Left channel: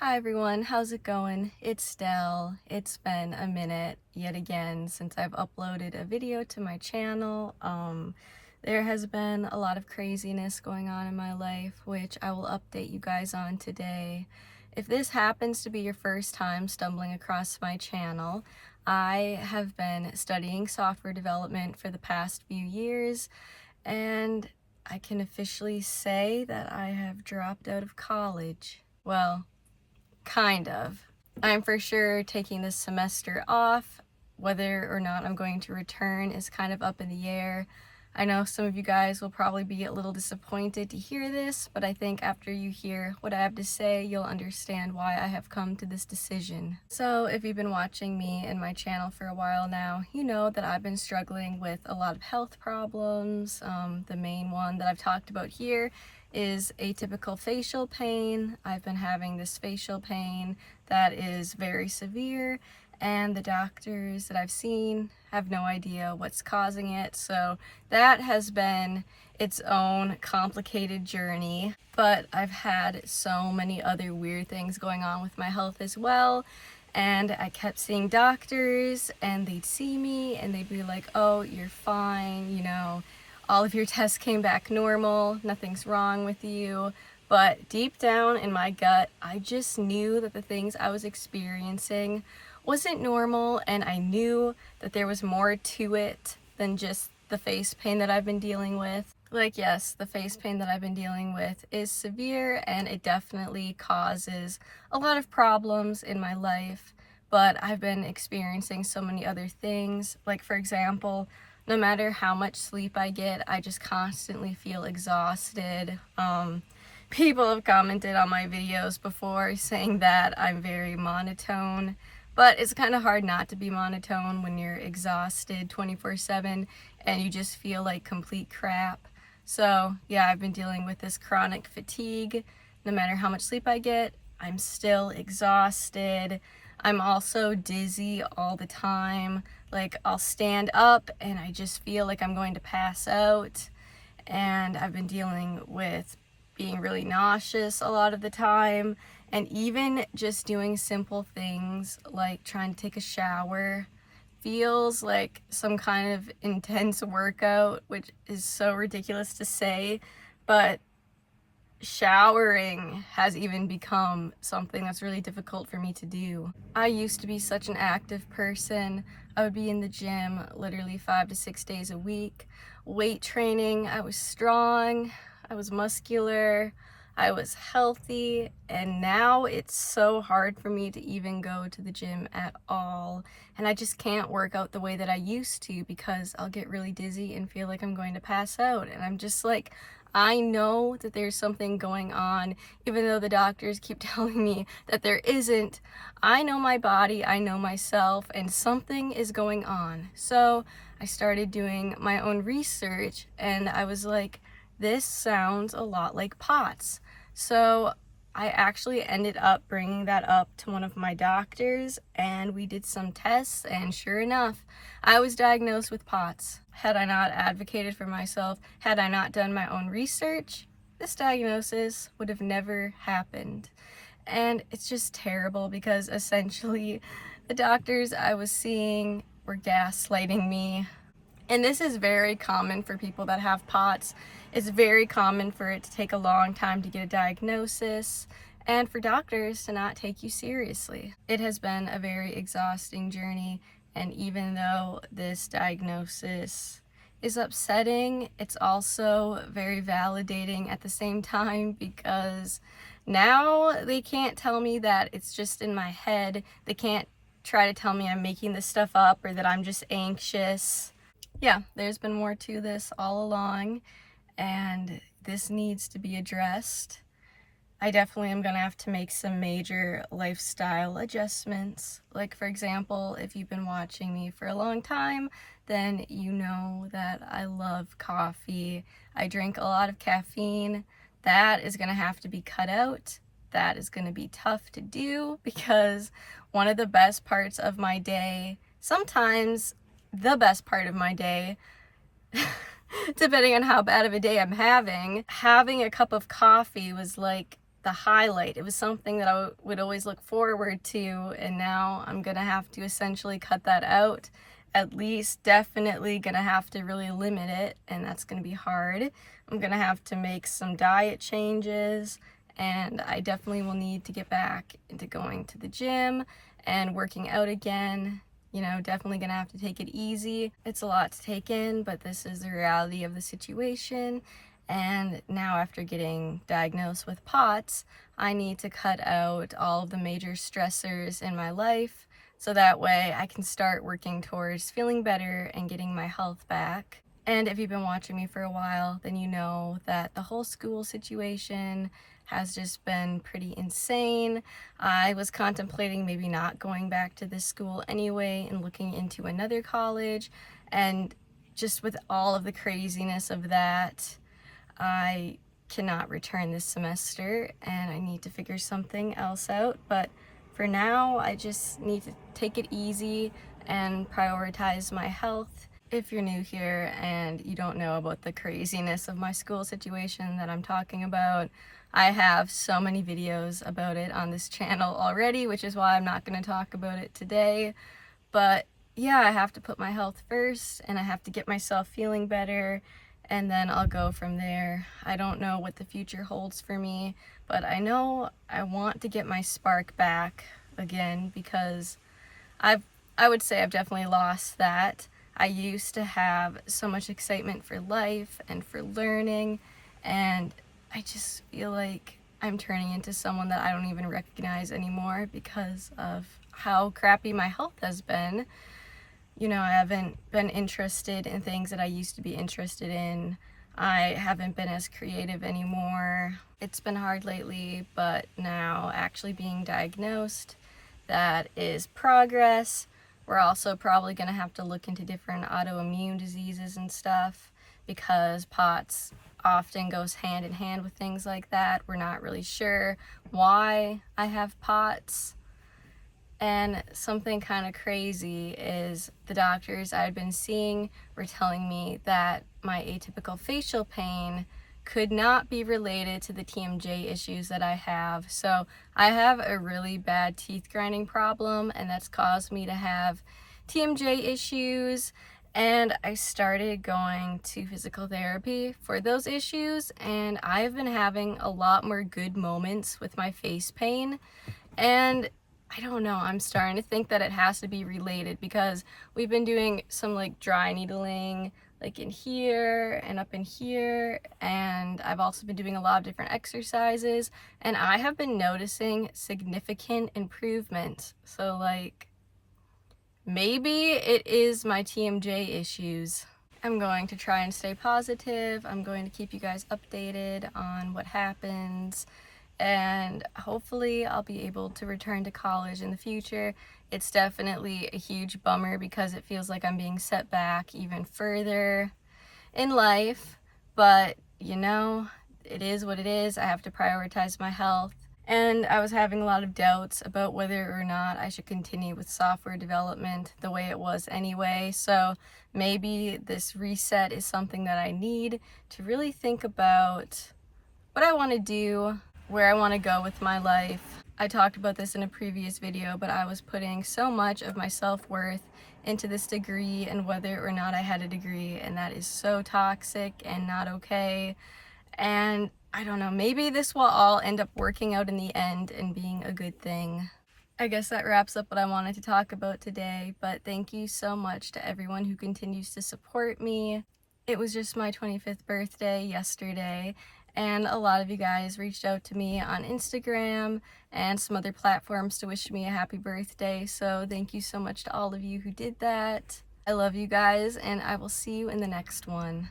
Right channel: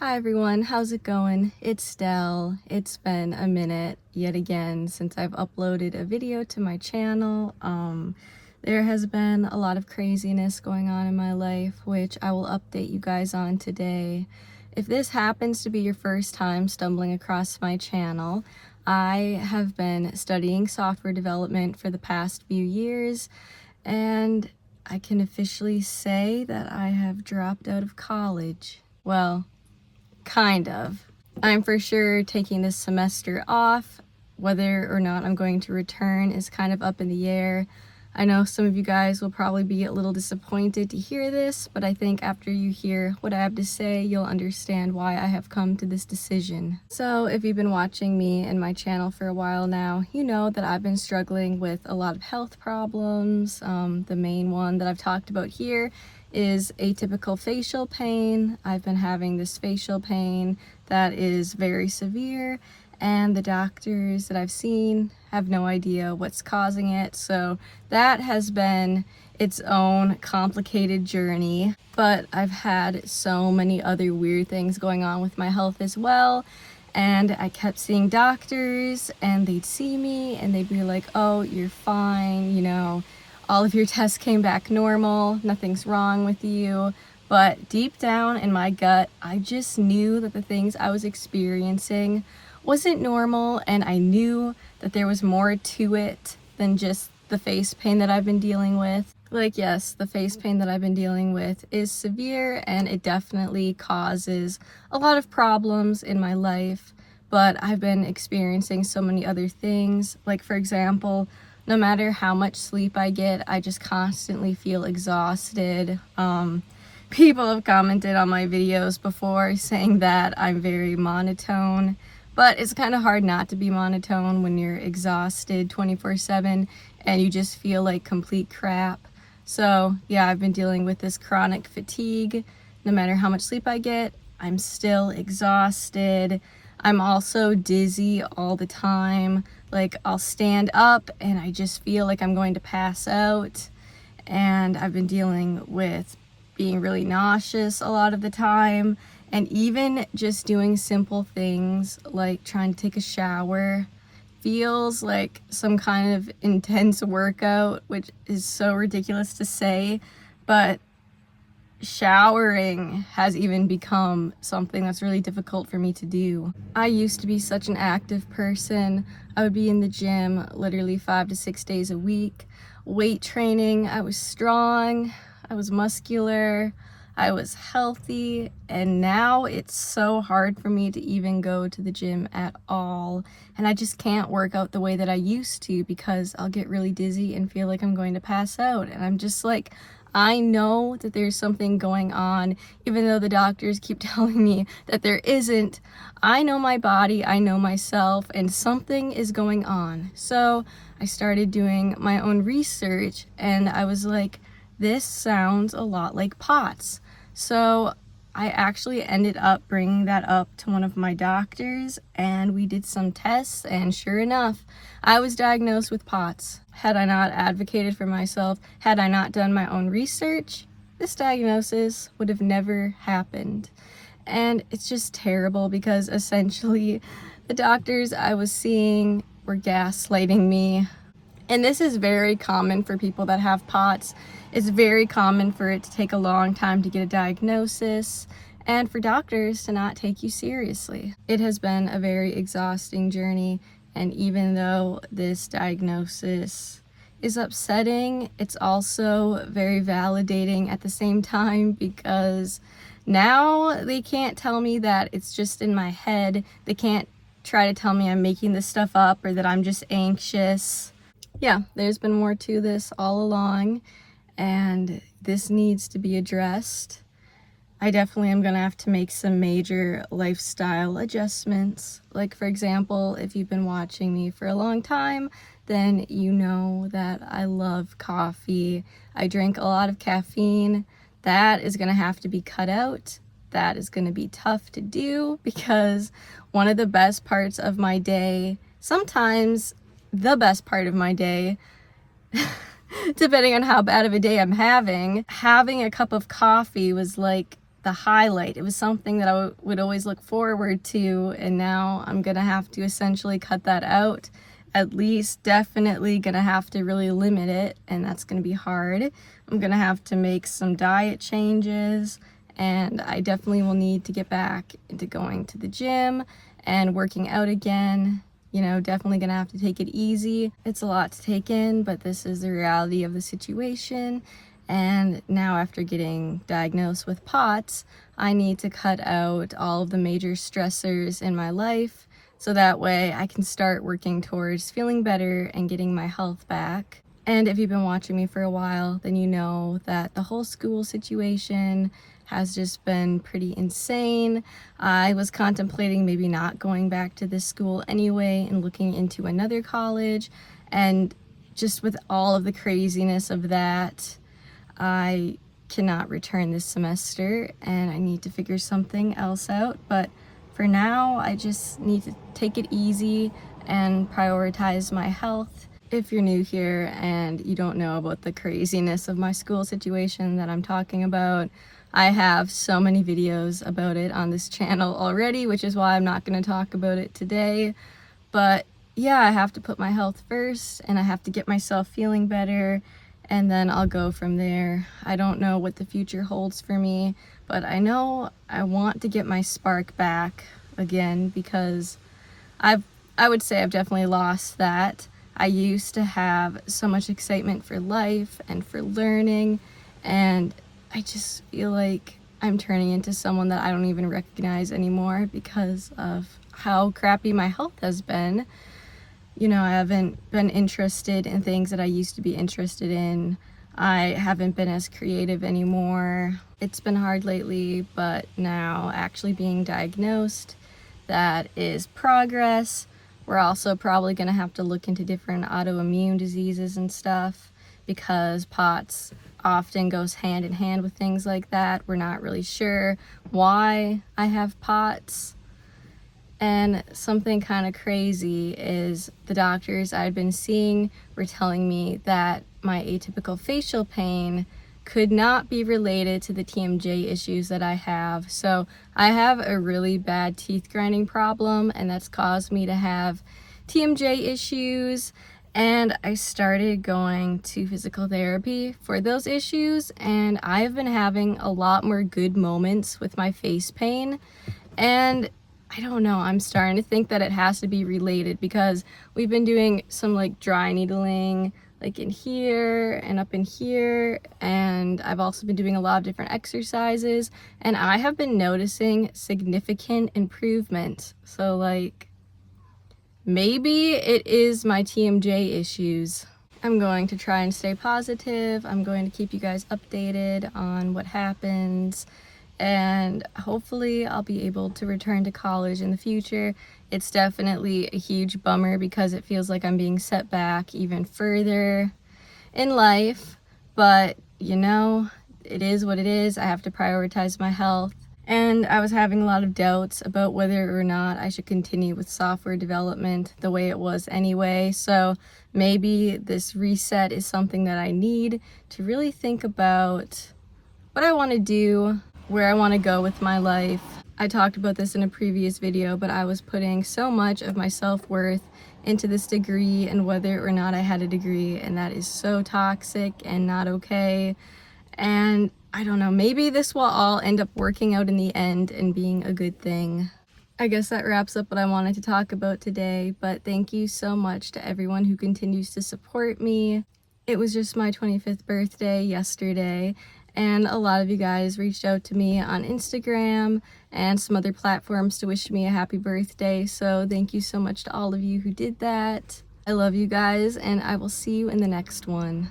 Hi everyone, how's it going? It's Stell. It's been a minute yet again since I've uploaded a video to my channel. There has been a lot of craziness going on in my life, which I will update you guys on today. If this happens to be your first time stumbling across my channel, I have been studying software development for the past few years, and I can officially say that I have dropped out of college. Well, kind of. I'm for sure taking this semester off. Whether or not I'm going to return is kind of up in the air. I know some of you guys will probably be a little disappointed to hear this, but I think after you hear what I have to say, you'll understand why I have come to this decision. So if you've been watching me and my channel for a while now, you know that I've been struggling with a lot of health problems. The main one that I've talked about here is atypical facial pain. I've been having this facial pain that is very severe, and the doctors that I've seen have no idea what's causing it. So that has been its own complicated journey. But I've had so many other weird things going on with my health as well. And I kept seeing doctors, and they'd see me and they'd be like, oh, you're fine, you know, all of your tests came back normal, nothing's wrong with you. But deep down in my gut, I just knew that the things I was experiencing wasn't normal, and I knew that there was more to it than just the face pain that I've been dealing with. Like, yes, the face pain that I've been dealing with is severe, and it definitely causes a lot of problems in my life, but I've been experiencing so many other things. Like, for example, no matter how much sleep I get, I just constantly feel exhausted. People have commented on my videos before saying that I'm very monotone, but it's kind of hard not to be monotone when you're exhausted 24/7 and you just feel like complete crap. So yeah, I've been dealing with this chronic fatigue. No matter how much sleep I get, I'm still exhausted. I'm also dizzy all the time. Like, I'll stand up and I just feel like I'm going to pass out. And I've been dealing with being really nauseous a lot of the time. And even just doing simple things like trying to take a shower feels like some kind of intense workout, which is so ridiculous to say, but showering has even become something that's really difficult for me to do. I used to be such an active person. I would be in the gym literally 5 to 6 days a week. Weight training, I was strong, I was muscular, I was healthy, and now it's so hard for me to even go to the gym at all. And I just can't work out the way that I used to because I'll get really dizzy and feel like I'm going to pass out. And I'm just like, I know that there's something going on, even though the doctors keep telling me that there isn't. I know my body, I know myself, and something is going on. So I started doing my own research, and I was like, this sounds a lot like POTS. So I actually ended up bringing that up to one of my doctors, and we did some tests, and sure enough, I was diagnosed with POTS. Had I not advocated for myself, had I not done my own research, this diagnosis would have never happened. And it's just terrible because essentially the doctors I was seeing were gaslighting me. And this is very common for people that have POTS. It's very common for it to take a long time to get a diagnosis and for doctors to not take you seriously. It has been a very exhausting journey, and even though this diagnosis is upsetting, it's also very validating at the same time, because now they can't tell me that it's just in my head. They can't try to tell me I'm making this stuff up or that I'm just anxious. Yeah, there's been more to this all along, and this needs to be addressed. I definitely am gonna have to make some major lifestyle adjustments. Like, for example, if you've been watching me for a long time, then you know that I love coffee. I drink a lot of caffeine. That is gonna have to be cut out. That is gonna be tough to do because one of the best parts of my day, sometimes the best part of my day, depending on how bad of a day I'm having a cup of coffee was like the highlight. It was something that I would always look forward to, and now I'm gonna have to essentially cut that out. At least definitely gonna have to really limit it, and that's gonna be hard. I'm gonna have to make some diet changes, and I definitely will need to get back into going to the gym and working out again. You know, definitely gonna have to take it easy. It's a lot to take in, but this is the reality of the situation. And now, after getting diagnosed with POTS, I need to cut out all of the major stressors in my life so that way I can start working towards feeling better and getting my health back. And if you've been watching me for a while, then you know that the whole school situation has just been pretty insane. I was contemplating maybe not going back to this school anyway and looking into another college, and just with all of the craziness of that, I cannot return this semester and I need to figure something else out. But for now, I just need to take it easy and prioritize my health. If you're new here and you don't know about the craziness of my school situation that I'm talking about, I have so many videos about it on this channel already, which is why I'm not going to talk about it today. But yeah, I have to put my health first, and I have to get myself feeling better, and then I'll go from there. I don't know what the future holds for me, but I know I want to get my spark back again, because I would say I've definitely lost that. I used to have so much excitement for life and for learning, and I just feel like I'm turning into someone that I don't even recognize anymore because of how crappy my health has been. You know, I haven't been interested in things that I used to be interested in. I haven't been as creative anymore. It's been hard lately, but now actually being diagnosed, that is progress. We're also probably going to have to look into different autoimmune diseases and stuff, because POTS often goes hand in hand with things like that. We're not really sure why I have POTS. And something kind of crazy is the doctors I'd been seeing were telling me that my atypical facial pain could not be related to the TMJ issues that I have. So I have a really bad teeth grinding problem, and that's caused me to have TMJ issues. And I started going to physical therapy for those issues, and I've been having a lot more good moments with my face pain. And I don't know, I'm starting to think that it has to be related, because we've been doing some like dry needling like in here and up in here, and I've also been doing a lot of different exercises, and I have been noticing significant improvement. So like, maybe it is my TMJ issues. I'm going to try and stay positive. I'm going to keep you guys updated on what happens, and hopefully I'll be able to return to college in the future. It's definitely a huge bummer because it feels like I'm being set back even further in life, but you know, it is what it is. I have to prioritize my health. And I was having a lot of doubts about whether or not I should continue with software development the way it was anyway. So maybe this reset is something that I need to really think about what I want to do, where I want to go with my life. I talked about this in a previous video, but I was putting so much of my self-worth into this degree and whether or not I had a degree, and that is so toxic and not okay. And I don't know, maybe this will all end up working out in the end and being a good thing. I guess that wraps up what I wanted to talk about today, but thank you so much to everyone who continues to support me. It was just my 25th birthday yesterday, and a lot of you guys reached out to me on Instagram and some other platforms to wish me a happy birthday, so thank you so much to all of you who did that. I love you guys, and I will see you in the next one.